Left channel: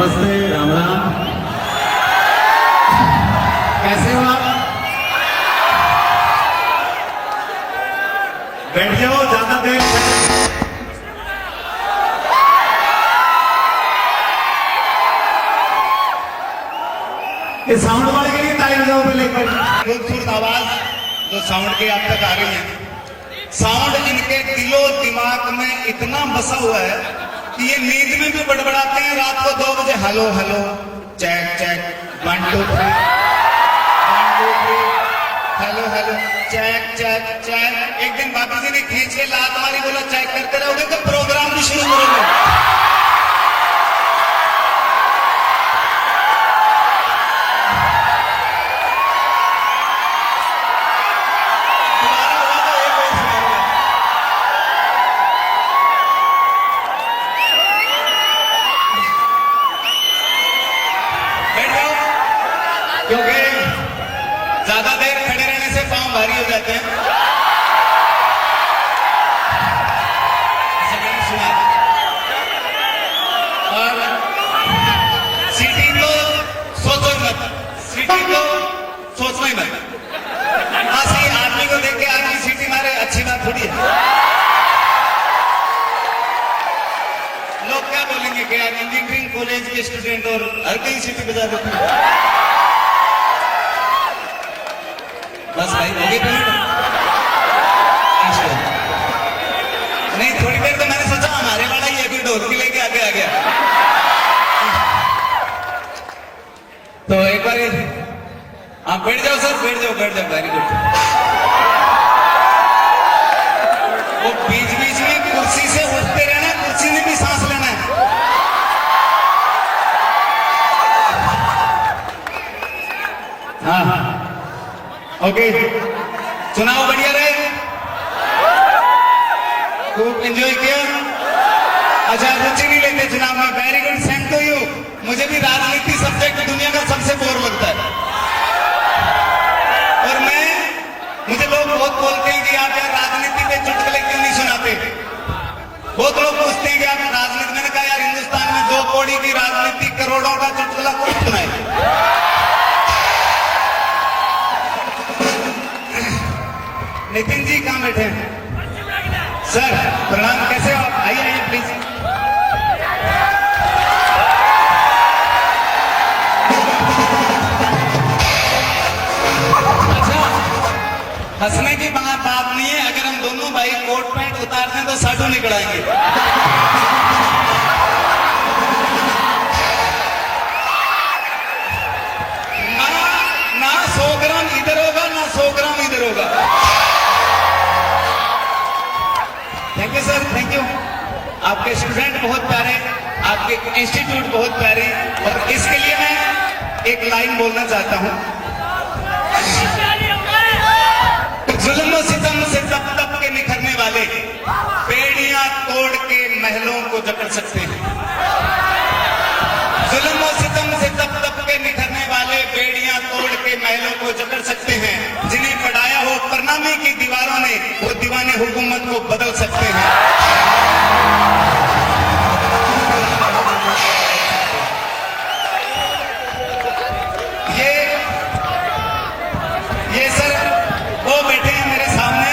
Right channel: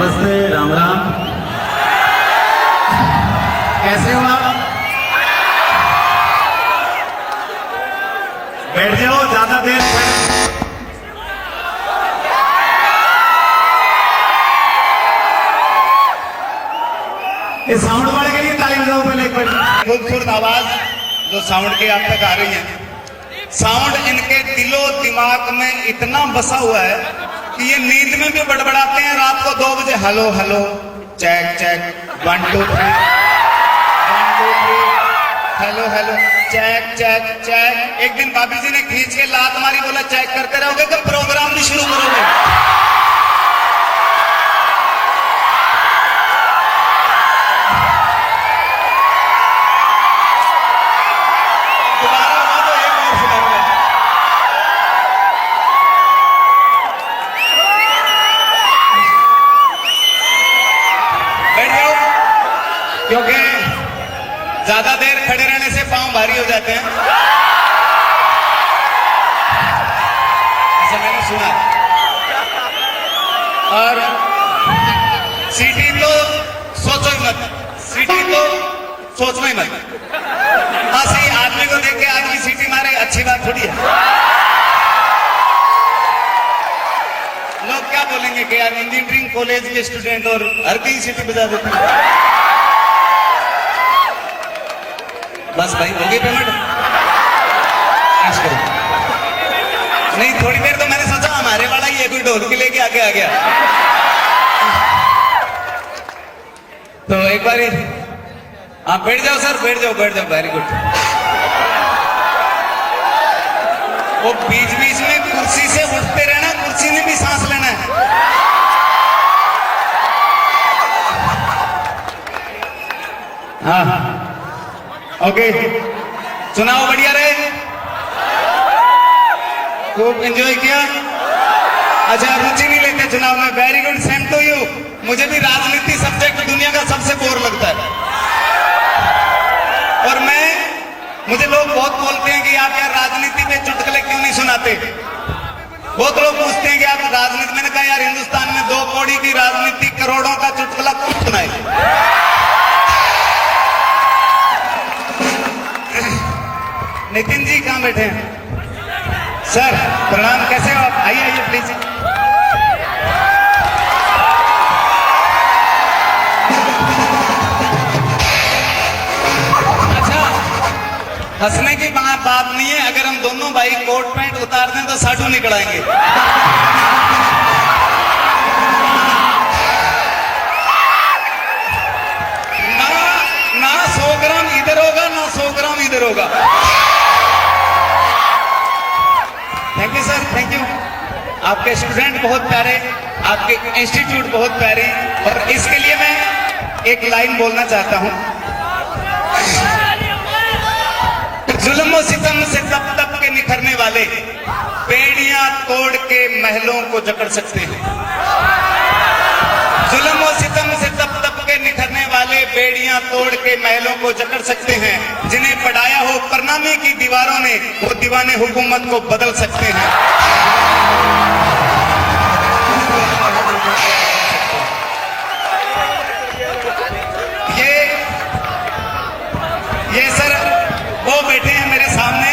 नमस्ते, राम राम। कैसे हो आप? बैठ जाओ, ज्यादा देर इस साउंड वाले के लिए ताली बजाओ पहले एक बार। खूबसूरत आवाज जो साउंड की आप तक आ रही है, साउंड इनके दिलो दिमाग में इतना बसा हुआ है कि ये नींद में भी बड़बड़ाते हैं। रात को 2 बजे hello hello check check 1 2 3 hello hello check check check. एक दिन भाभी जी ने खींच के लात मारी, बोला चेक करते रहोगे तो प्रोग्राम भी शुरू करोगे। क्योंकि ज्यादा देर खड़े रहने से पांव भारी हो जाते हैं, ऐसा मैंने सुना। और सीटी तो सोचो ही मत, सीटी तो सोचो ही मत। बस ही आदमी को देख के आदमी सीटी मारे, अच्छी बात थोड़ी है। लोग क्या बोलेंगे कि यार इंजीनियरिंग कॉलेज के स्टूडेंट और हर कहीं सीटी बजा देते हैं। बस भाई हो गई पेमेंट? नहीं, थोड़ी देर तो मैंने सोचा हमारे वाला ये भी ढोलकी लेके आगे आ गया। तो एक बार आप बैठ जाओ सर, बैठ जाओ बैठ जाओ, वेरी गुड। वो बीच बीच में कुर्सी से उठते रहना, कुर्सी में भी सांस लेना है। हाँ हाँ ओके, चुनाव बढ़िया रहे, खूब एंजॉय किया। अच्छा, रुचि भी लेते चुनाव में, very good, same to you. मुझे भी राजनीति सब्जेक्ट दुनिया का सबसे बोर लगता है। और मुझे लोग बहुत बोलते हैं कि आप यार राजनीति पे चुटकुले क्यों नहीं सुनाते। बहुत लोग पूछते हैं कि आप राजनीति, मैंने कहा यार हिंदुस्तान में 2 कौड़ी की राजनीति, करोड़ों का चुटकुला कौन सुनाए। नितिन जी कहां बैठे हैं? सर प्रणाम, कैसे हो आप? आइए आइए प्लीज। अच्छा, हंसने की बात नहीं है। अगर हम दोनों भाई कोट पैंट उतार दें तो साधु निकलाएंगे। ना 100 ग्राम इधर होगा, ना 100 ग्राम इधर होगा। Thank you sir, thank you. आपके स्टूडेंट बहुत प्यारे, आपके इंस्टीट्यूट बहुत प्यारी, और इसके लिए मैं एक लाइन बोलना चाहता हूं। जुल्म सितम से तप तप के निखरने वाले बेड़ियां तोड़ के महलों को जकड़ सकते हैं। जुल्म सितम से तप तप के निखरने वाले बेड़ियां तोड़ के महलों को जकड़ सकते हैं। जिन्हें पढ़ाया हो परनामे की दीवारों ने, वो दीवाने हुकूमत को बदल सकते हैं। ये सर वो बैठे हैं मेरे सामने,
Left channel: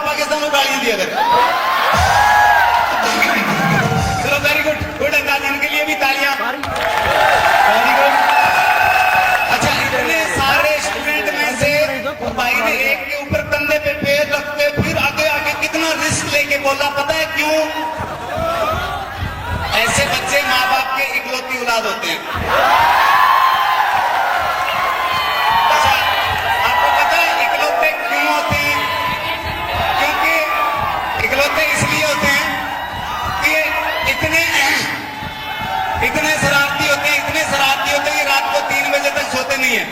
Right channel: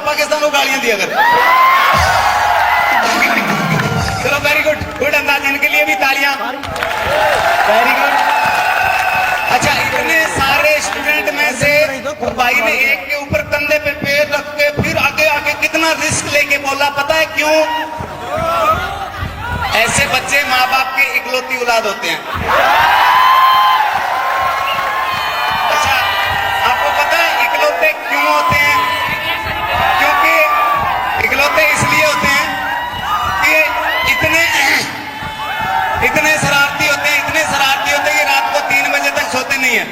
पाकिस्तान को गालियां दिया कर। चलो वेरी गुड, गुड अंदाज, इनके लिए भी तालियां, वेरी गुड। अच्छा, इतने सारे स्टूडेंट में से भाई ने एक के ऊपर कंधे पे पैर रख के फिर आगे आगे कितना रिस्क लेके बोला, पता है क्यों? ऐसे बच्चे माँ बाप के इकलौती औलाद होते हैं। इसलिए होते हैं कि इतने शरारती होते हैं, इतने शरारती होते हैं कि रात को 3 बजे तक सोते नहीं है।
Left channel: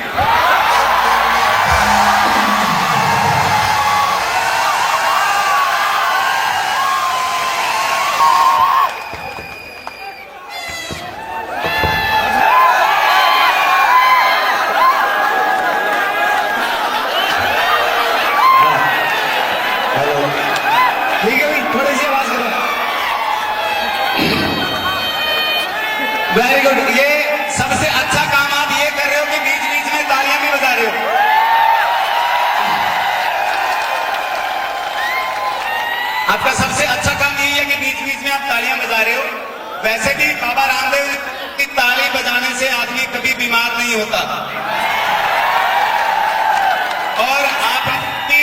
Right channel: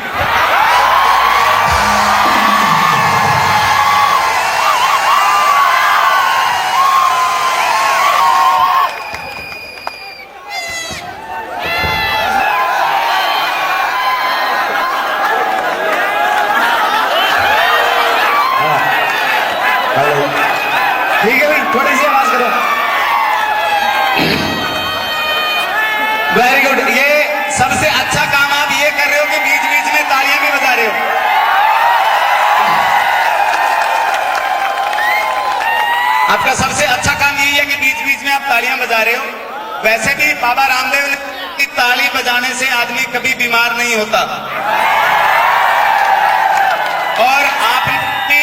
Very good. ये सबसे अच्छा काम आप ये कर रहे हो कि बीच बीच में तालियां भी बजा रहे हो। आपका सबसे अच्छा काम यही है कि बीच बीच में आप तालियां बजा रहे हो। वैसे भी बाबा रामदेव की ताली बजाने से आदमी कभी बीमार नहीं होता। और आपने भी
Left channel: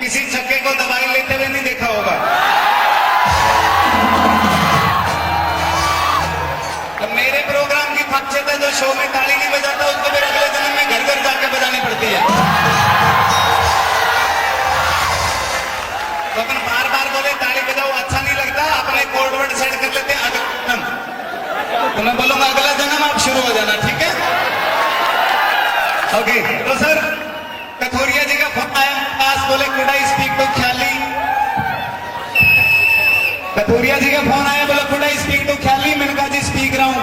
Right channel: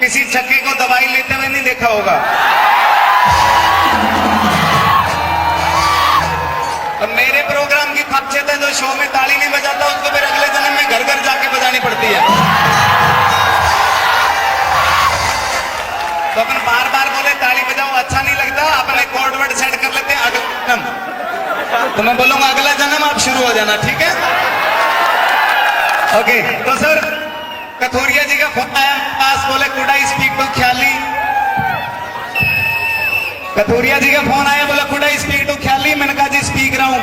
किसी छक्के को दवाई लेते हुए नहीं देखा होगा। तो मेरे प्रोग्राम की खर्चे पे जो शो में ताली नहीं बजाता उसको फिर अगले जन्म में घर घर जाके बजानी पड़ती है। तो अपन बार बार बोले ताली बजाओ, अच्छा नहीं लगता, अपने कोड वर्ड सेट कर लेते हैं अगला जन्म। तो मैं बोलूंगा अगला जन्म आप शुरू हो जाना, ठीक है? ओके। तो सर कथोरिया जी का फोन आया पास, बोले कुड आई स्पीक टू ख्याली। कथोरिया जी का फोन आया, बोला कुड आई स्पीक टू ख्याली। मैंने कहा जी स्पीक रहा हूं।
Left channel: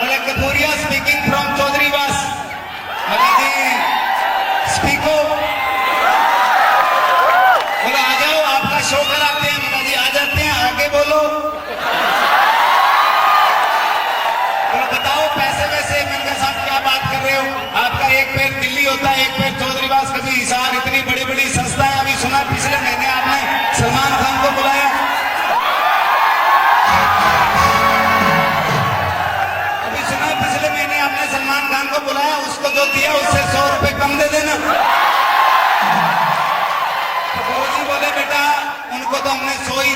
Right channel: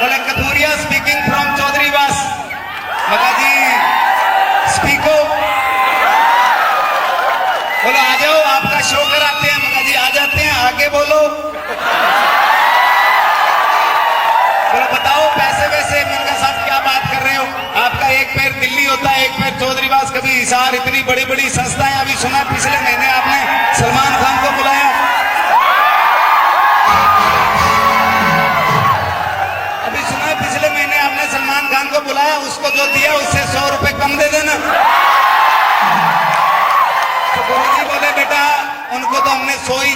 बोले कथोरिया स्पीकिंग फ्रॉम चौधरीवास। बोला जी स्पीको। बोला आ जाओ आपका शो कराते हैं। बोला जी आ जाते हैं, आगे बोलो। बोला बताओ पैसे वैसे मेरे साथ क्या बात कर रहे हो? आपका एक पैर दिल्ली होता है, एक पैर चौधरीवास, कभी हिसार। इतनी बड़ी बड़ी संस्थाएं। अभी सुना पिछले महीने आपने सलमान खान को बुलाया। अभी सुना पिछले महीने आपने सलमान खान को बुलाया, उसको जो दिया उससे 100 रुपए कम दे देना। तो गुरुजी बोले बेटा उनको तो हमने 100 ही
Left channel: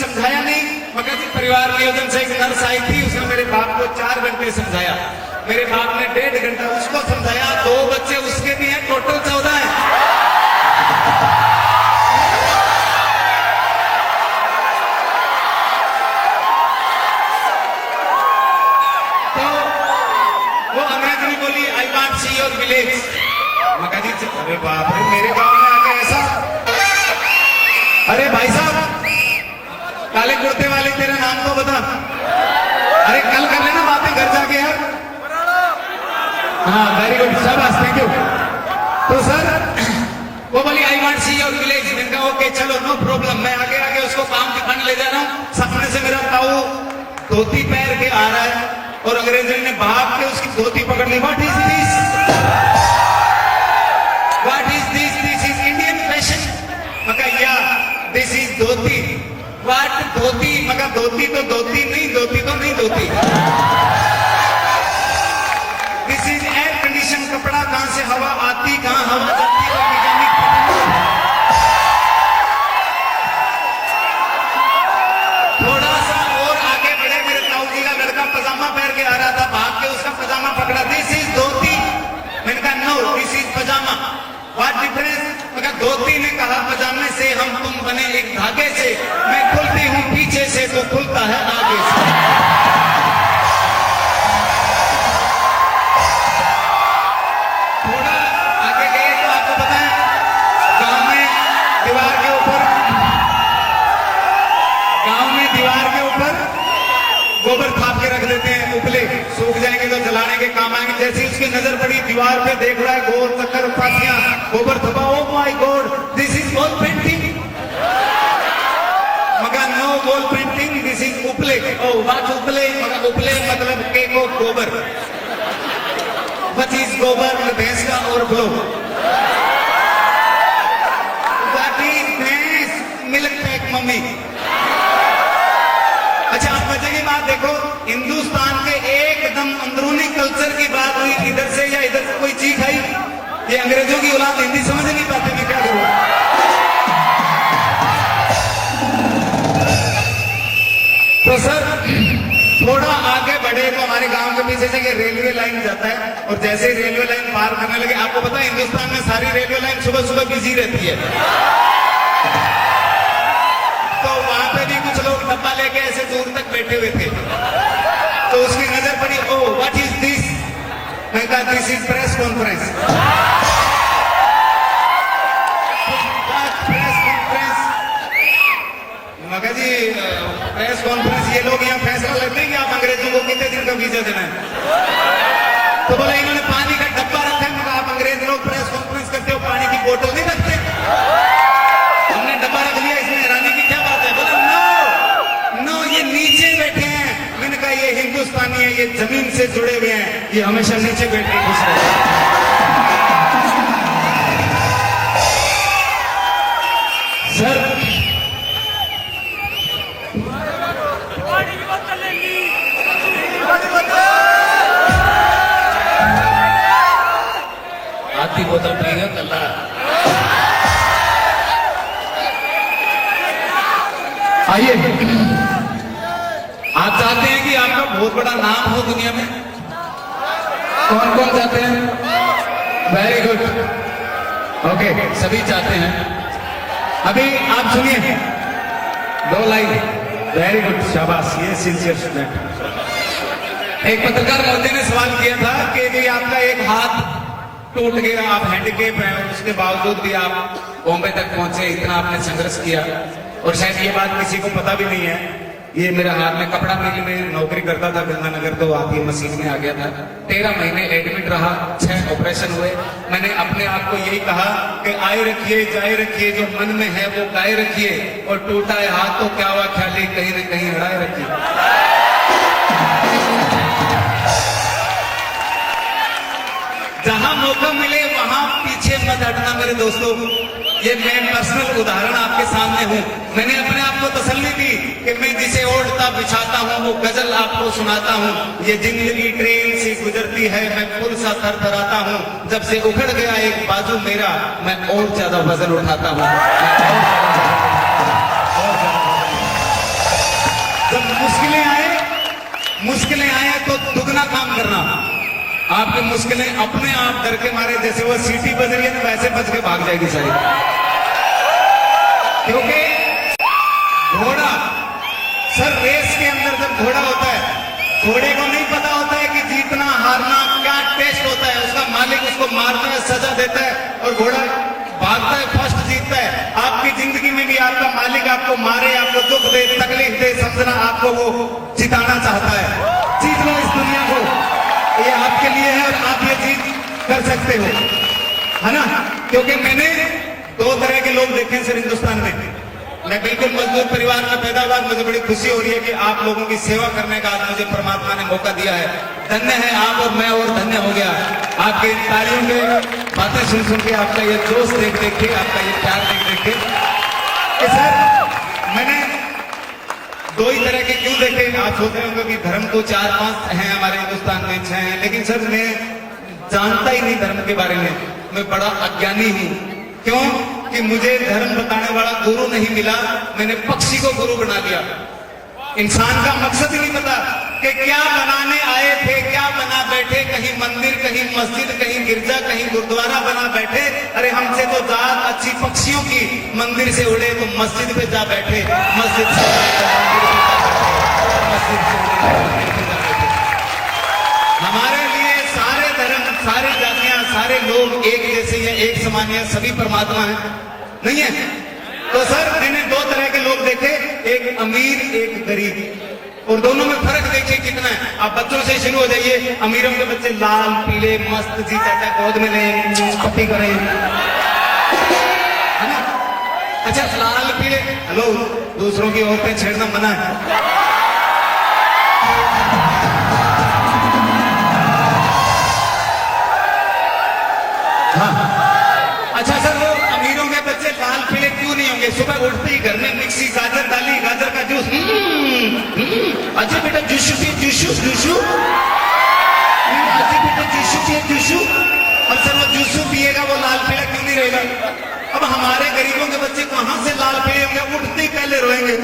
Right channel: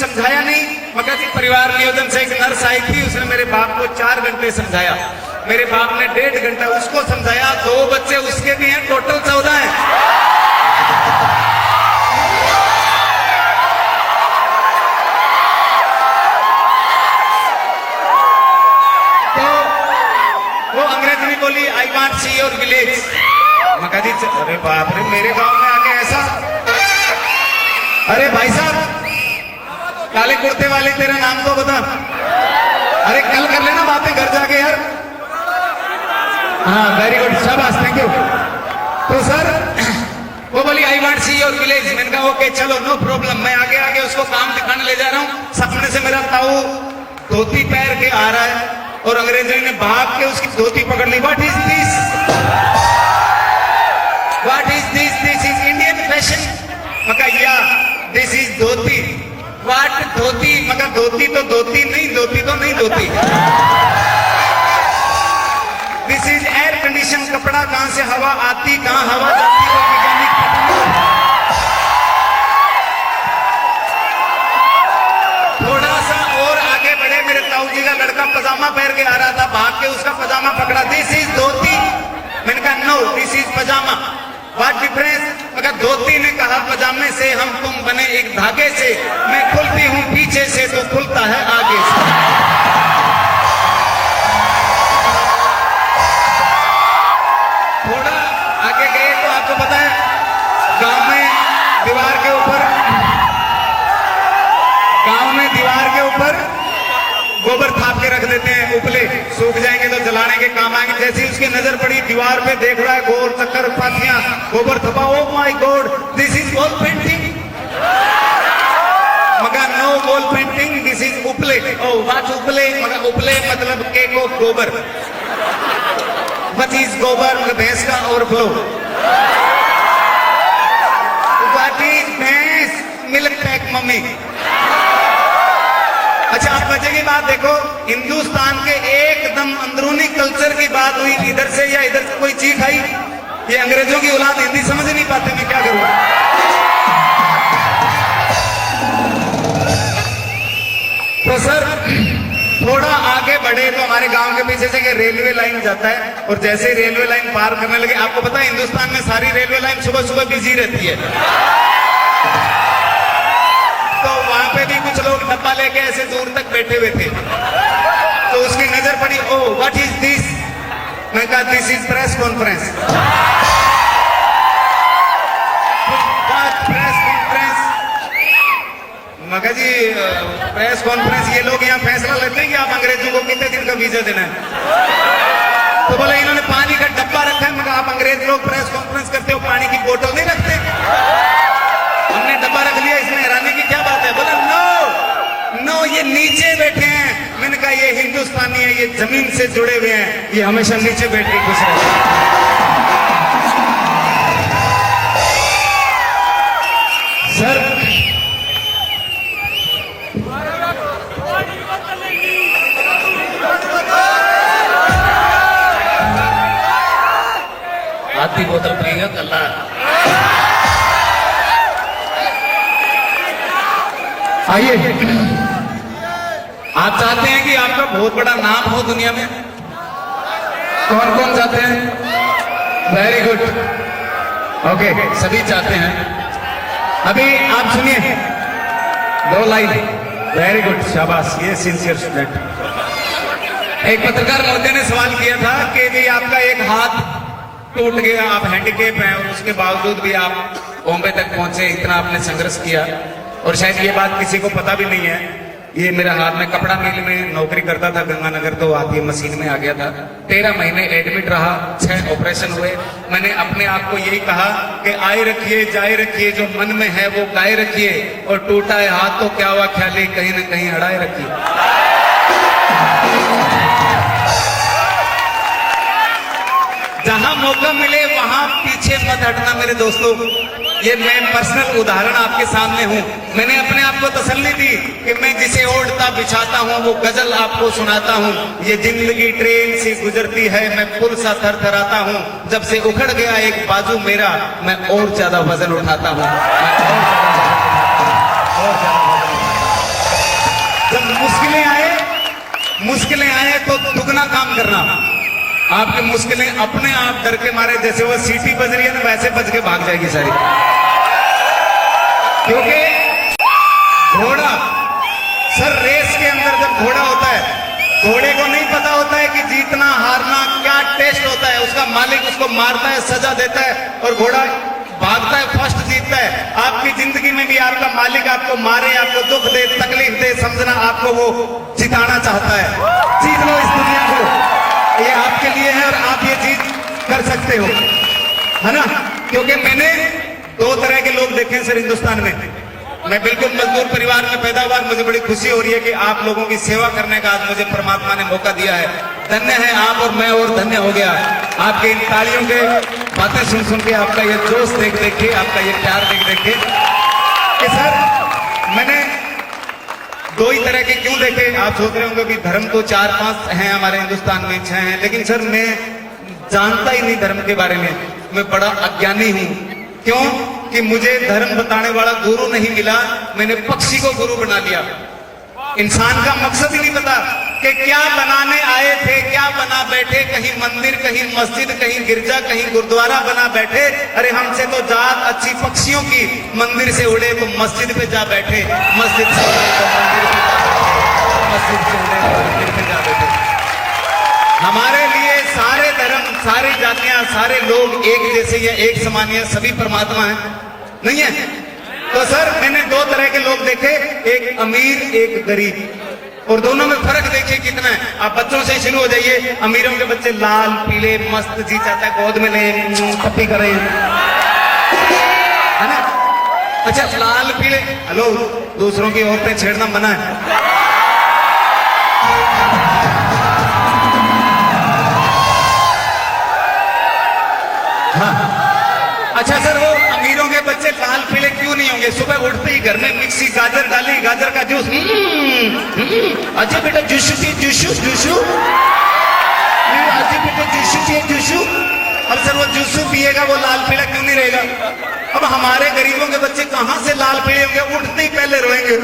समझाया नहीं। मगर जी परिवार नियोजन से एक नर्स आई थी, उसने मेरे बाप को 4 घंटे समझाया। मेरे बाप ने 1.5 घंटा उसको समझाया। 2 बच्चे उसके भी हैं, टोटल 14 है। तो वो अंग्रेजी में बोली I want see your village. मगर जी अरे बाप रे, मेरे बाप ने आगे ऐसा। अरे भाई साहब काले कुर्ते वाले तेरा नाम तो बता। अरे कल कर लेना बातें घर जाके यार। हाँ वेरी गुड, शाबाश, थैंक यू। तो सर वो बोली I want see your village. मैंने कहा ओके चलो नो प्रॉब्लम। मैं आगे आगे उसको काम दिखाने ले जा रहा हूँ। सामने से मेरा ताऊ धोती पैर के आ रहा है और अंग्रेजी ने भाग के उसकी धोती पकड़ ली। What is this? What is this? This is Indian fashion. मगर या दिस इज धोती। वाट धोती? मगर धोती तो धोती नहीं, धोती तो नहीं धोती। दिस इज एयर कंडीशन कपड़ा। कहां से हवा आती कहां हवा जाती वो मैकेनिक थोड़ा सा और आगे बढ़े, मेरे ताऊ जी का लड़का पजामा पहन के आ रहा था, भाग के उसका पजामा पकड़ा। This is dhoti. मैंने कहा no this is pyjama. What difference? मगर धोती ने कहा पजामे से हम तुम बने एक धागे से, मैं खुलती हूं पीछे से तो खुलता है आगे से। थोड़ा आगे गए तो आपको पता है गांव में दीवार के ऊपर गोबर थाप के रख लेते हैं, उपले सूख जाएंगे तो जलाने के काम आएंगे। जैसे उसकी नजर पड़ी दीवार पे, देख रहा है गोल चक्कर पातियां गोबर थपा। Oh my God this is wall painting. मगर no wall painting, this is uple. ओ बात उपले, मगर उपले मतलब cake of gobar. What is gobar? भैंस का overflow. What is bhains? Milk pack mummy. अच्छा आप मजे की बात देखो, हिंदुस्तान के एकदम अंदरूनी कल्चर की बात हुई, इधर से या इधर से कोई चीख आई। ये अंग्रेजों की औलाद हिंदी समझ नहीं पाते, मैं क्या करूं? तो सर थोड़ा आगे बढ़े तो हमारे गांव के पीछे से ये रेलवे लाइन जाता है, और जैसे ही रेलवे लाइन पार करने लगे, आपको पता है हिंदुस्तान में सारी रेलवे लाइन सुबह सुबह बिजी रहती है। तो वहां पे भी कुछ लोग डब्बा लेके ऐसे दूर तक बैठे हुए थे। तो उसकी नजर पड़ी, ओ व्हाट इज दिस? मैं कहा this is press conference. Press conference? मगर जी प्रेस कॉन्फ्रेंस, ये लोग यहाँ फैसला लेते हैं कि आप अंग्रेजों को कितने दिन का वीजा देना है। तो बोले इन्होंने पानी का डब्बा रखा है। मगर आप अंग्रेज लोग प्रेस कॉन्फ्रेंस करते हो, पानी की बोतल नहीं रखते? हमने डब्बा रख लिया, इसमें हैरानी की क्या बात है? बोला है, ये हिंदुस्तानी है, ये जमीन से जुड़े हुए हैं, ये हमेशा नीचे बैठ के खुश रहते सर। आधी बोतल पिएगा कल्ला। आइए, आप चाहते हैं कि आपका बहुत बड़ा नाम हो दुनिया में? कौन कौन चाहते हैं? वेरी गुड, ओके, सभी चाहते हैं। अभी आप सुनिए 2 लाइन। वेरी गुड, शाबाश, ये सिंसियर स्टूडेंट। एक पत्रकार महोदय ने सवाल किया था कि जी आपका एक हाथ टूट गया, आप हैंडीकेप हैं और उसके बावजूद भी आप बॉम्बे तक पहुंचे, इतना आपने संघर्ष किया, और शायद ये बात किसी को पता भी नहीं है। ये मेरा हाथ में कपड़ा मिल में नौकरी करता था गंगानगर, तो आप ये मशीन में आ गया था। 13 महीने एडमिट रहा, 6 ऑपरेशन हुए। मैंने अपने आप को यही कहा कि आए रखिए जाए रखिए, जो मन में है वो गाए रखिए, और टूटा है हाथ तो क्या हुआ, ख्याली कहीं न कहीं अड़ाए रखिए। जहां मौका मिले वहां पीछे मत हटना मेरे दोस्तों। ये मैं पर्सनल उदाहरण आपके सामने हूं। मैंने अपने आप को तसल्ली दी कि मैं जिसे ओढ़ता बिछाता हूं वो गजल आपको सुनाता हूं। ये जिंदगी ट्रेन से गुजरती है, मैं खुद सा थरथराता हूं। जब से उखड़ गया एक बाजू मेरा, मैं और ज्यादा वजन उठाता हूं। जब मुश्किलें आए तो दुगना काम करना। आपकी मुश्किलें अपने आप डर के मारे, जैसे वो सीटी बज रही है ना, वैसे बज के भाग जाएगी सारी। क्योंकि घोड़ा, सर रेस के अंदर जब घोड़ा होता है, घोड़े को नहीं पता होता है कि जीतना हारना क्या टेस्ट होता है। उसका मालिक उसको मारता है, सजा देता है, और घोड़ा भागता है, फर्स्ट जीतता है। आपकी जिंदगी में भी आपका मालिक आपको मारे, आपको दुख दे, तकलीफ दे, समझना आपको वो जिताना चाहता है। जीत लो इस दुनिया को, ये आपके लिए है और आप ये चीज कर सकते हो, है ना। क्योंकि मैंने 2 तरह के लोग देखे हैं सर हिंदुस्तान में। मैं बिल्कुल मजदूर परिवार में पैदा हुआ, मुझे बड़ी खुशी हो रही है कि आप लोगों की सेवा करने का आज मुझे परमात्मा ने मौका दिया है। धन्य है आप और मैं, और धन्य हो गया आपके इन तालियों के बातें सुन सुन के, आपका ये जोश देख देख के, आपका ये प्यार देख देख के। कि सर मैंने 2 ही तरह के क्यों देखे। आप सोच रहे होंगे कि धर्म तो 4-5 हैं हमारे हिंदुस्तान में, 6 हैं, लेकिन सर मैं जानता ही नहीं धर्म के बारे में। मैं बड़ा अज्ञानी हूं। क्यों? कि मुझे धर्म बताने वाला गुरु नहीं मिला, मैंने पक्षी को गुरु बना लिया। इंसान का मकसद ही नहीं पता कि क्या बनाने आए थे, क्या बना बैठे, कहीं मंदिर, कहीं मस्जिद, कहीं गिरजा, कहीं गुरुद्वारा बना बैठे। अरे हमसे तो जात अच्छी पक्षियों की, मंदिर से उड़े तो मस्जिद पे जा बैठे, मस्जिद से उड़े तो मंदिर पे जा बैठे, मस्जिद से उड़े तो मंदिर पे जा बैठे। हमारे लिए सारे धर्म, सारी जातियां, सारे लोग एक जैसे या एक समान या सभी परमात्मा है, नहीं है। तो सर मैंने 2 तरह के लोग देखे, एक अमीर एक गरीब, और दोनों में फर्क देखिए कितना है। आप बच्चों से शुरू हो जाइए। अमीरों के बच्चे लाल पीले मस्त, जी चाहता है गोद में ले पप्पी करें, है ना। अच्छा लाल पीले, हेलो, दूसरों की औरतें छेड़ना मना है। हाँ, अच्छा सर वो अमीरों के बच्चे लाल पीले क्यों नहीं होंगे? सुबह उठते ही घर में मिक्सी गाजर डाली, गाजर का जूस, अच्छा बेटा जूसू जी, जूसू जूसू, अच्छा बेटा जूसू जी जूसू। और सर वो जूसू पिएगा वो लाल पीला क्यों नहीं रहेगा? अब हमारे गरीबों के बच्चे कहां से लाल पीले होंगे? उठते ही पहले रोएंगे।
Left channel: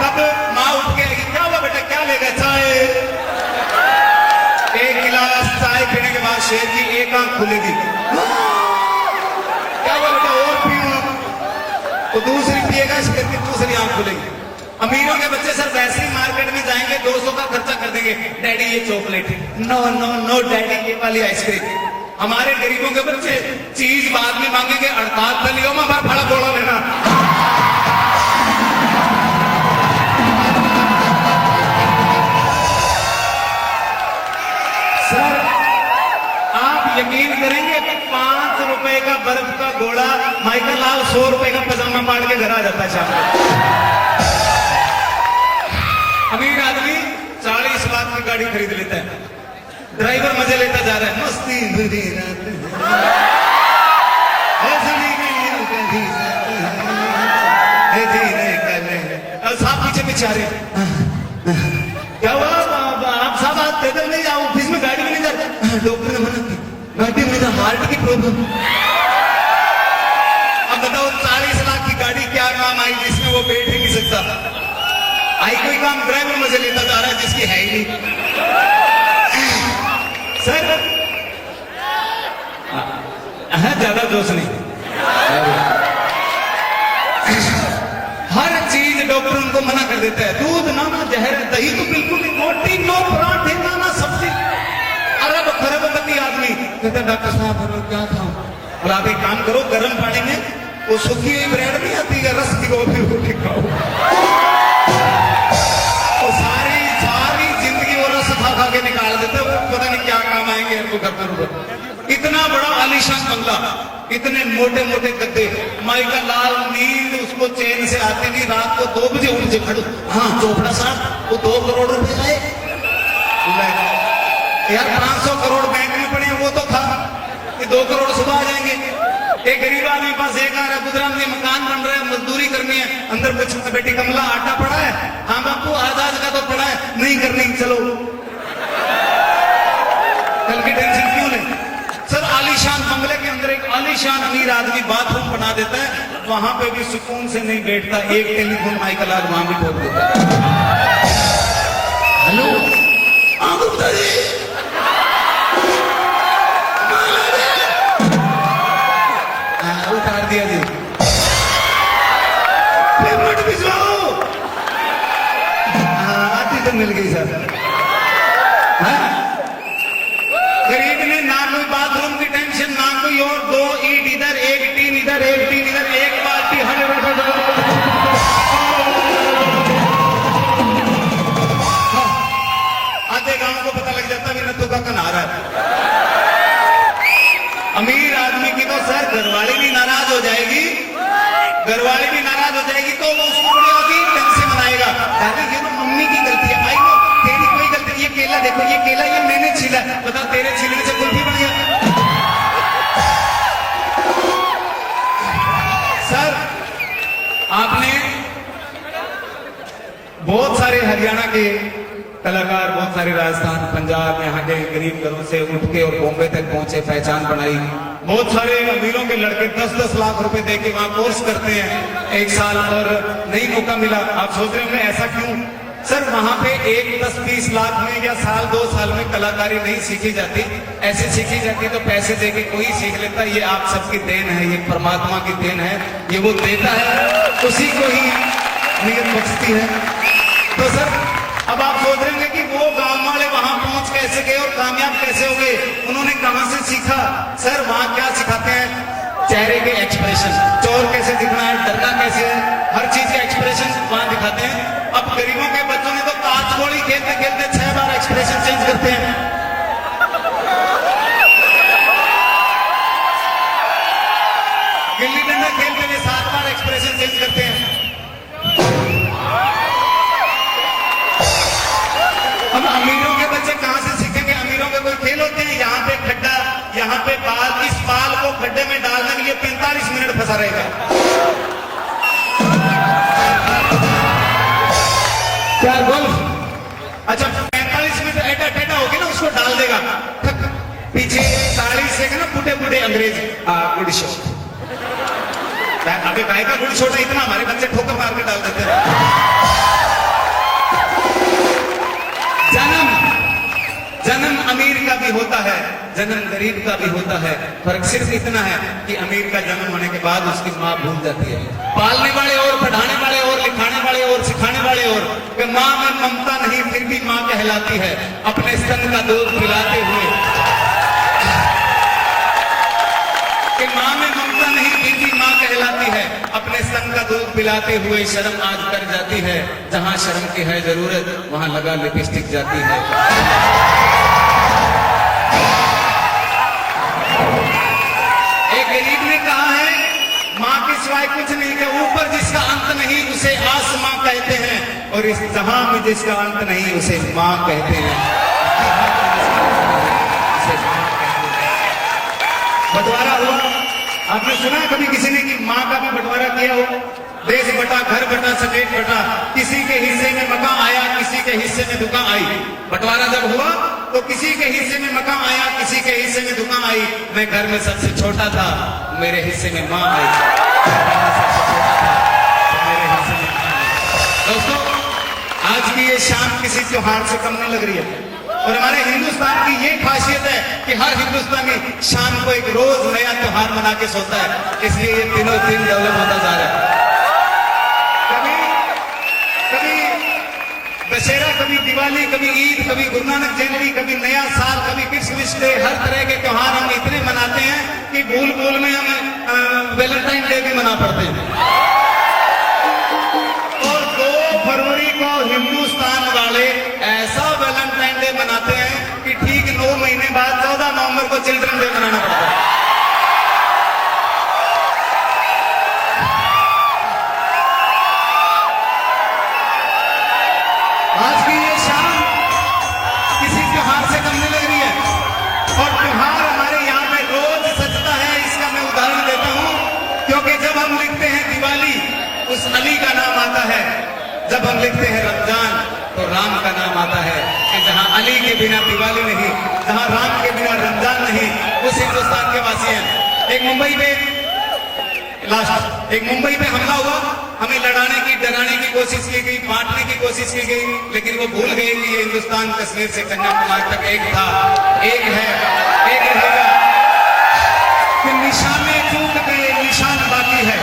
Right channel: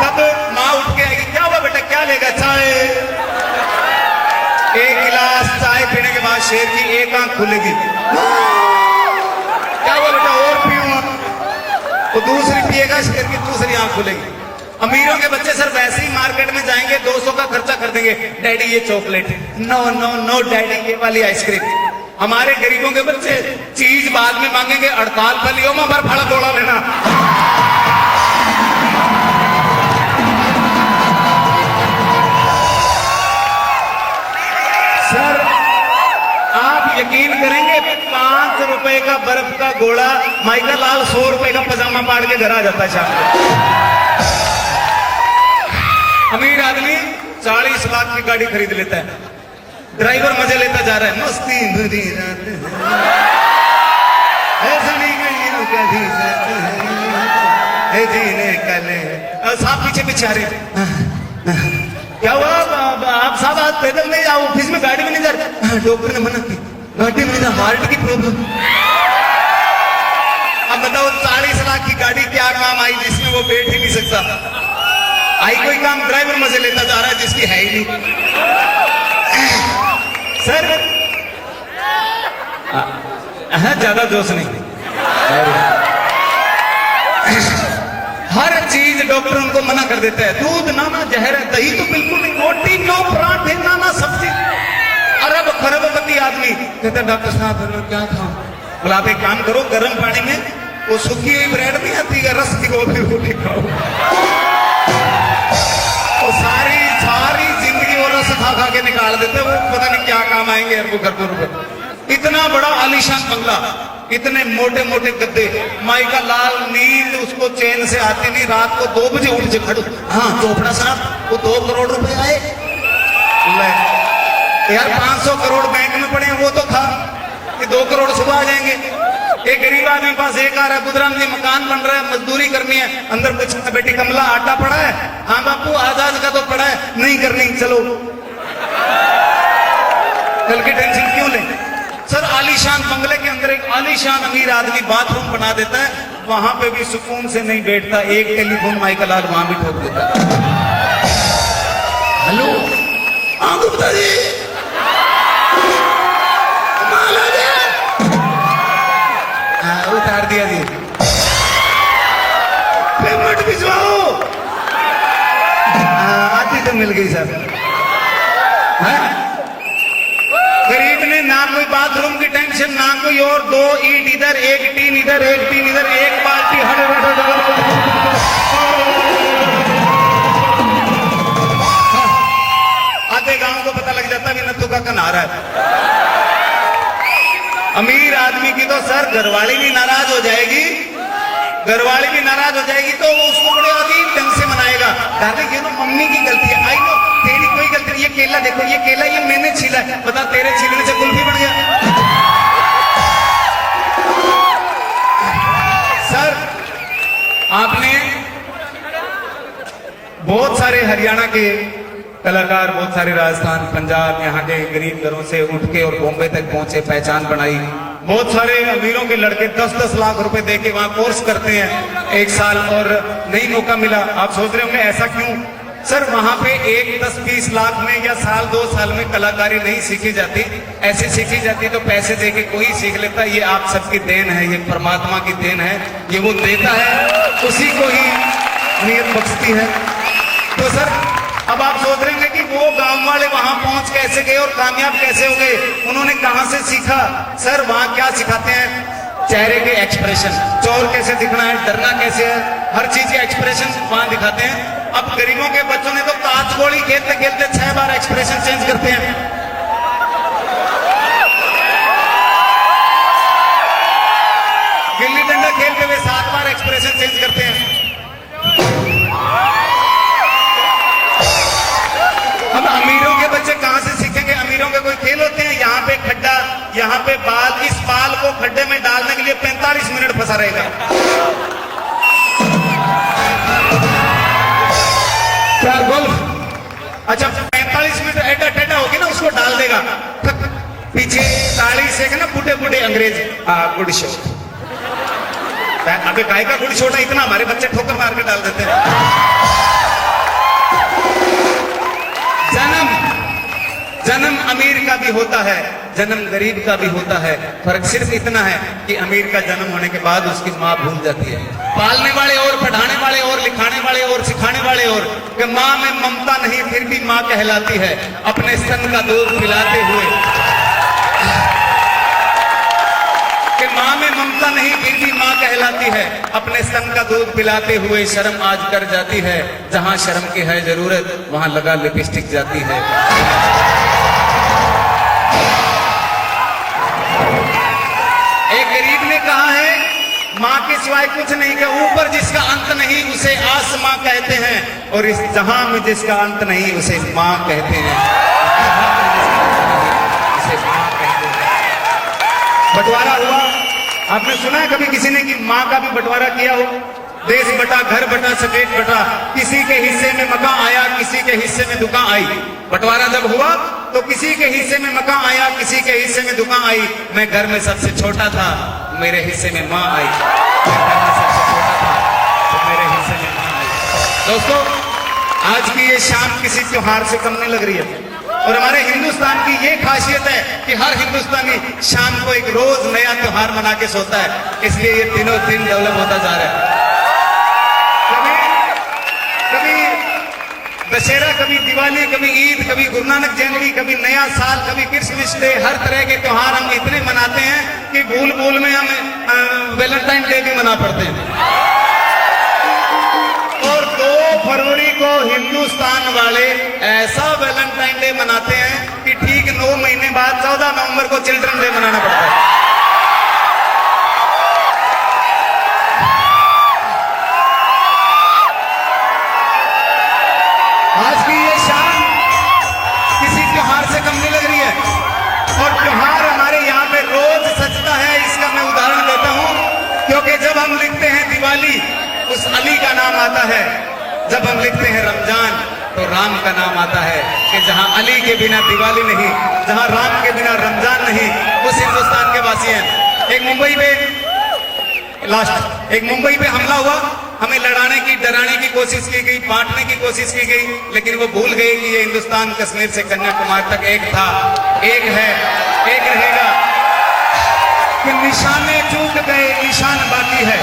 तब माँ उठ के आएगी, क्या हुआ बेटा, क्या लेगा? चाय। 1 गिलास चाय पीने के बाद शेर की एक आंख खुलेगी, क्या हुआ बेटा और पीऊं? तो दूसरी पिएगा, शेर की दूसरी आंख खुलेगी। अमीरों के बच्चे सर वैसे ही मार्केट में जाएंगे, 200 का खर्चा कर देंगे, डैडी ये chocolate, no no no daddy ये वाली आइसक्रीम। हमारे गरीबों के बच्चे चीज बाद में मांगेंगे, 48 बलियों में हमारा भाड़ा थोड़ा लेना। सर आप यकीन करेंगे 5 रुपए रुपए का बर्फ का गोला, माइका लाल 100 रुपए का पजामा पाड़ के घर आ जाता शाम को। अमीर आदमी 40 लाख की गाड़ी खरीद लेता है, ड्राइवर मजे लेता जा रहा है, मस्ती भरी साहब पीछे पीछे आ रहे। क्या हुआ आप साहब, आप पैदल नहीं जाओ, ऑफिस में गाड़ी में नहीं जाते? डॉक्टर ने मना की, गाड़ी में ना, हार्ट की प्रॉब्लम। अब बताओ 40 लाख की गाड़ी क्या काम आई जिसमें वो बैठ ही नहीं सकता? आई कोई काम, ड्राइवर मजे लेता जा रहा है जिसकी है ही नहीं। सर ज्यादा जोश नहीं, हर चीज डॉक्टर उनको मना कर देता है। दूध ना ना जहर है, दही तो बिल्कुल नहीं, रोटी नो, पराठे ना ना सब्जी। अरब खरबपति आदमी कहता डॉक्टर साहब क्या खाऊं? बोला आप एक काम करो, गर्म पानी में वो सूखी हुई ब्रेड नहीं आती है, रस भिगो फिर रोटी खाओ। तो सारी जिंदगी वो रस खा खा के निकाल देते, वो पता नहीं क्या काम आएंगे हमको घर पर। इतना बड़ा आलीशान बंगला, इतने मोटे मोटे गद्दे, माइका लाल, नींद उसको चैन से आती नहीं, रात को 2 बजे उठ के खड़ो। हाँ चोपड़ा साहब, वो 2 करोड़ रुपए आए यार, 500 करोड़ बैंक में पड़े, वो तो था कि 2 करोड़ सुबह आ जाएंगे। एक गरीब आदमी पास एक आ रहा, गुजरात में मकान बन रहा है, मजदूरी करनी है, अंदर कुछ बेटी कमला आटा पड़ा है? हाँ बापू आजाद का तो पड़ा है, नहीं करनी, चलो कल की टेंशन क्यों नहीं? सर आलीशान बंगले के अंदर एक आलीशान अमीर आदमी बाथरूम बना देता है, वहां पे भी सुकून से नहीं बैठता, एक टेलीफोन माइका लाल वहां भी ठोक देता है। हेलो गुप्ता जी, उतार दिया जी, पेमेंट भिजवाओ। आती तो मिल गई सर। गरीब ने ना कोई बाथरूम की टेंशन, ना कोई और, 2 ईंट इधर, 1 टीन इधर, 1 टीन इधर, 1 बाल्टी हर आधे गांव को पता लग जाता कि नत्थू का कन्हारा है। अमीर आदमी की तो सर घरवाली भी नाराज हो जाएगी, घरवाली भी नाराज हो जाएगी तो वो उसको बड़े अजीब ढंग से मनाएगा। दादा ये तो मम्मी की गलती है, आई नो तेरी कोई गलती नहीं, ये केला देखो, ये केला ये मैंने छीला, बता तेरे छीलने से कुल्फी बन गया। सर आपने बहुत सारे हरियाणा के कलाकार, बहुत सारे राजस्थान, पंजाब, यहाँ के गरीब घरों से उठ के और बॉम्बे तक पहुंचे, पहचान बनाई। बहुत सारे अमीरों के लड़के 10-10 लाख रुपए देके वहां कोर्स करते हैं 1 साल, और नहीं मौका मिला। आप सोच रहे होंगे ऐसा क्यों? सर वहां पे 1-10-20 लाख में या साल 2 साल में कलाकारी नहीं सीखी जाती, ऐसे सीखी जाती तो पैसे देके कोई सीख लेता। ये आप सबकी देन है, ये परमात्मा की देन है, ये वो देता है, उसी को ही नियत बख्शती है। तो सर अब आप सोच रहे हैं कि वो गांव वाले वहां पहुंच कैसे गए और कामयाब कैसे हो गए, उन्होंने कहां से सीखा? सर वहां क्या सिखाते हैं? चेहरे के एक्सप्रेशन, चोर कैसे दिखना है, डरना कैसे है, हर चीज के एक्सप्रेशन वहां दिखाते हैं। अब गरीबों के बच्चों ने तो कांचबोड़ी खेलते खेलते 6 बार एक्सप्रेशन चेंज करते हैं। गिल्ली डंडा खेलते हुए 7 बार एक्सप्रेशन चेंज करते हैं। हम अमीरों के बच्चे कहां से सीखेंगे? अमीरों के कोई खेल होते हैं, यहाँ पे खड्डा, यहाँ पे बाल, इस बाल को खड्डे में डालने के लिए 45 मिनट फंसा रहेगा। क्या गोल्फ? अच्छा 45 मिनट ऐटा टेटा होगी ना, उसको डाल देगा, पीछे साड़ी से ना बूढ़े बूढ़े अंग्रेज गुड शॉट। अभी गाय का गुड शॉट है इतना, हमारे बच्चे ठोकर मार के डाल देते हैं। जन्म अमीर का भी होता है, जन्म गरीब का भी होता है, फर्क सिर्फ इतना है कि अमीर का जन्म होने के बाद उसकी माँ भूल जाती है। पालने वाले और, पढ़ाने वाले और, लिखाने वाले और, सिखाने वाले और, कि माँ में ममता नहीं फिर भी माँ कहलाती है। अपने स्तन का दूध पिलाते हुए, कि माँ में ममता नहीं फिर भी माँ कहलाती है। अपने स्तन का दूध पिलाते हुए शर्म आज कर जाती है, जहाँ शर्म की है जरूरत वहाँ लगा लिपस्टिक जाती है। एक गरीब के सिवाय कुछ नहीं के ऊपर जिसका अंत नहीं उसे आसमां कहते हैं, और इस जहां में जिसका अंत नहीं उसे मां कहते हैं। बंटवारा हुआ, आपने सुना है कभी किसी ने कि मां का भी बंटवारा किया हो? देश बटा, घर बटा, स्टेट बटा, किसी के हिस्से में मकान आया, किसी के हिस्से में दुकान आई। बंटवारा जब हुआ तो किसी के हिस्से में मकान आया, किसी के हिस्से में दुकान आई। मैं घर में सबसे छोटा था, मेरे हिस्से में मां आई। सबसे छोटा था तो मेरे हिस्से में मां आई। दोस्तों, आज की ये शाम किसी त्योहार से कम नहीं लग रही है, और हमारे हिंदुस्तान की ये खासियत है कि हर हिंदुस्तानी शाम को एक रोज नया त्योहार मना के सोता है, इसलिए ये तीनों दिन डेवलप होता जा रहा है। कभी दशहरा, कभी दिवाली, कभी ईद, कभी गुरु नानक जयंती, कभी नया साल, कभी क्रिसमस डे, हर तरह के त्योहार हम इतने मनाते हैं कि भूल भूल में हम वैलेंटाइन डे भी मना पड़ते हैं। और 2 फरवरी को हिंदुस्तान वाले ऐसा वैलेंटाइन डे मनाते हैं कि ठीक 9 महीने बाद 14 नवंबर को चिल्ड्रन डे मनाना पड़ता है। आज की ये शाम किसी त्योहार से कम नहीं लग रही है, और त्योहार हमारे यहाँ पे रोज सजता है। इसका मैं उदाहरण देता हूँ, क्योंकि जब हम लिखते हैं दिवाली, उस अली का नाम आता है। जब हम लिखते हैं रमजान, तो राम का नाम आता है। कि जहाँ अली के बिना दिवाली नहीं, जहाँ राम के बिना रमजान नहीं, उस हिंदुस्तान के वासी हैं। एक मुंबई में हमला हुआ, हमें लड़ाने की, डराने की कोशिश की गई, बांटने की कोशिश की गई, लेकिन वो भूल गए कि ये हिंदुस्तान कश्मीर से कन्याकुमारी तक एक था, एक है, एक रहेगा। कि निशाने चूक गए, निशान बाकी है।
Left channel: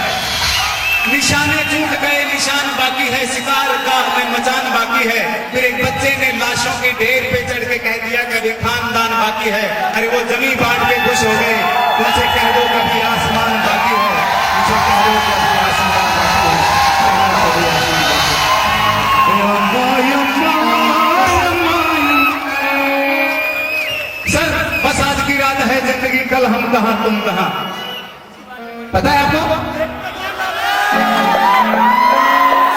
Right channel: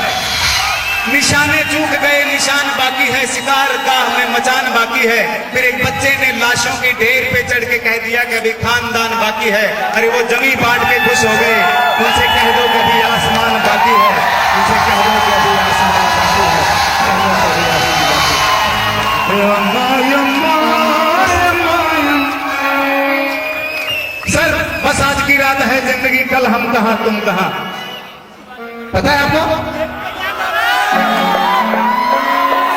निशाने चूक गए, निशान बाकी है। शिकार गाह में मचान बाकी है। फिर एक बच्चे ने लाशों के ढेर पे चढ़ के कह दिया कि अभी खानदान बाकी है। अरे वो जमी बांट के खुश हो गए। उनसे कह दो कभी आसमान बाकी है, उनसे कह दो कभी आसमान बाकी है। सर, बस आज की रात है जिंदगी, कल हम कहां तुम कहां। पता है आपको?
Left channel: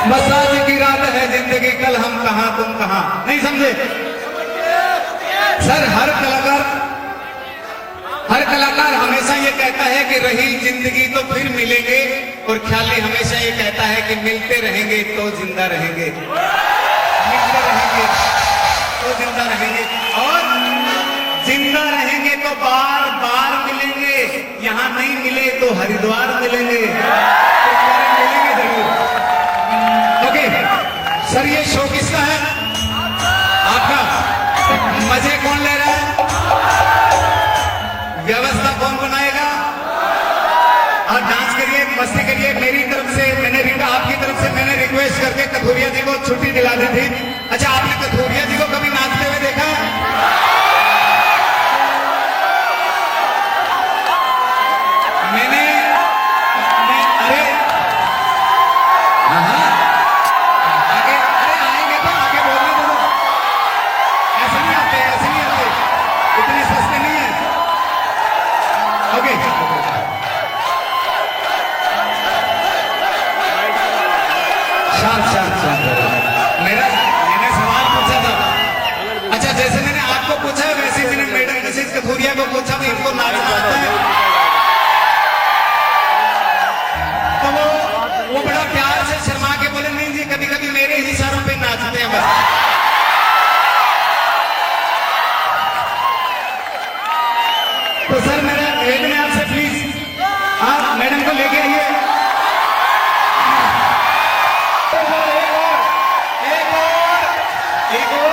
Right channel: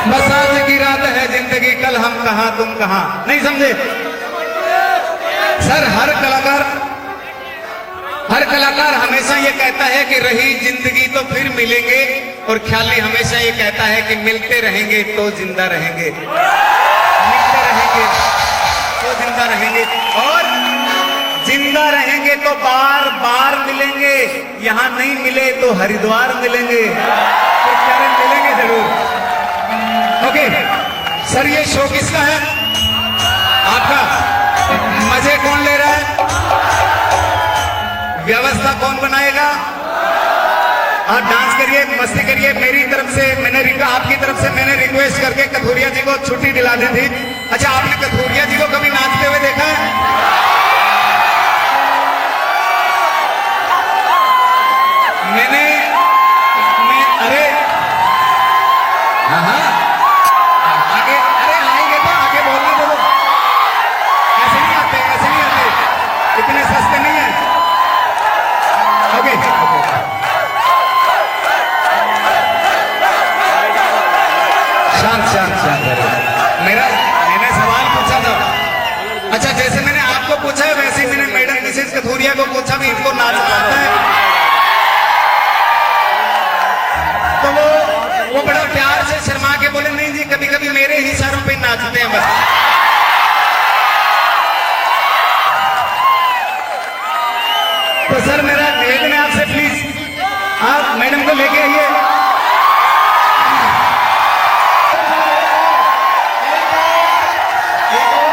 बस आज की रात है जिंदगी, कल हम कहां तुम कहां। नहीं समझे? सर, हर कलाकार हमेशा ये कहता है कि रही जिंदगी तो फिर मिलेंगे, और ख्याली हमेशा ये कहता है कि मिलते रहेंगे तो जिंदा रहेंगे, मिलते रहेंगे तो जिंदा रहेंगे, और जिंदा रहेंगे तो बार बार मिलेंगे। यहाँ नहीं मिले तो हरिद्वार मिलेंगे, तो मिलेंगे जरूर। ओके सर, ये शो किसका है? आपका। मजे कौन ले रहा है? व्यवस्था कौन बनाएगा? और डांस करिए, मस्ती करिए। मेरी तरफ से आपकी तरफ से मैंने रिक्वेस्ट करके कथोरिया जी को छुट्टी दिला दी थी। अच्छा, आपने कथोरिया जी को कभी नाचते हुए देखा है? अरे हाँ, आगे, अरे आएंगे तो आगे बोलने दो। ऐसे नहीं आते, ऐसे नहीं आते, इतने सस्ते नहीं है। ओके, शांत। मैंने सवाल पूछा था। अच्छा, जैसे मैंने आपको पूछा वैसे मैंने मैडम मिसेस कथोरिया को पूछा भी इनको नाचना आता है? तो वो बड़ा प्यार से शर्मा के बोले, नहीं जी, कभी कभी मेरे ही इशारों पे नाचते हैं बस। तो सर, मेरा निवेदन है आपसे, प्लीज आप मैडम को लेके आइए। एक और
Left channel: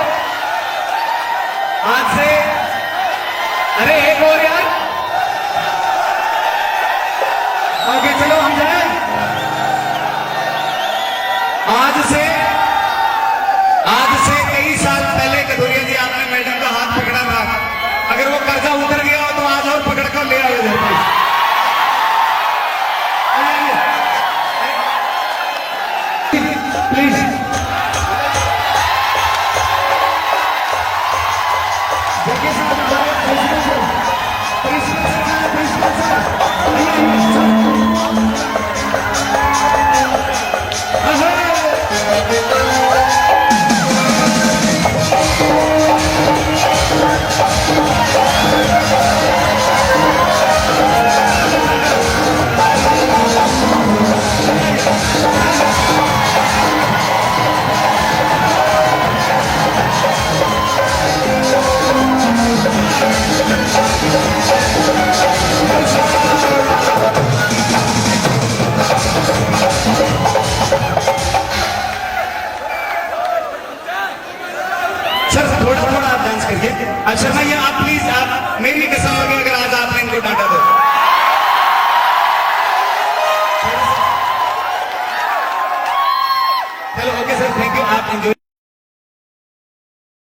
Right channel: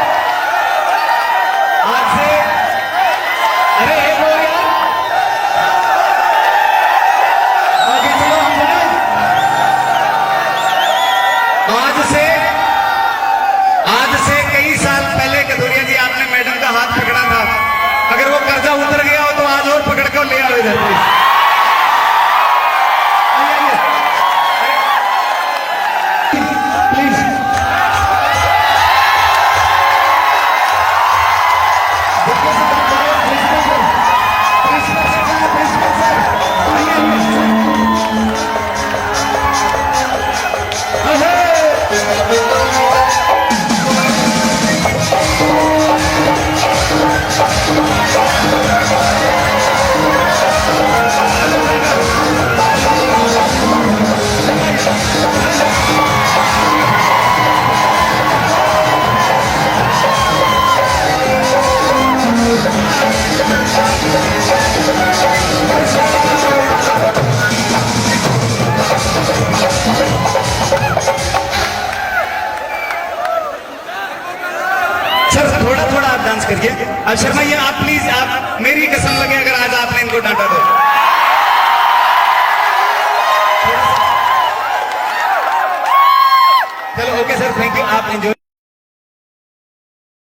आज से, अरे एक और यार, आगे चलो, हम जाए। आज से कई साल पहले कथोरिया जी आपने मैडम का हाथ पकड़ा था। अगर वो कर्जा उतर गया हो तो आज और पकड़ कर ले आओ इधर प्लीज। देखिए सर, प्रिंसिपल सर, शर्मा ये आप प्लीज, आप मेरी कसम लगे अगर आज आपने इनको डांटा तो। चलो ओके सर, थैंक यू, आप एंजॉय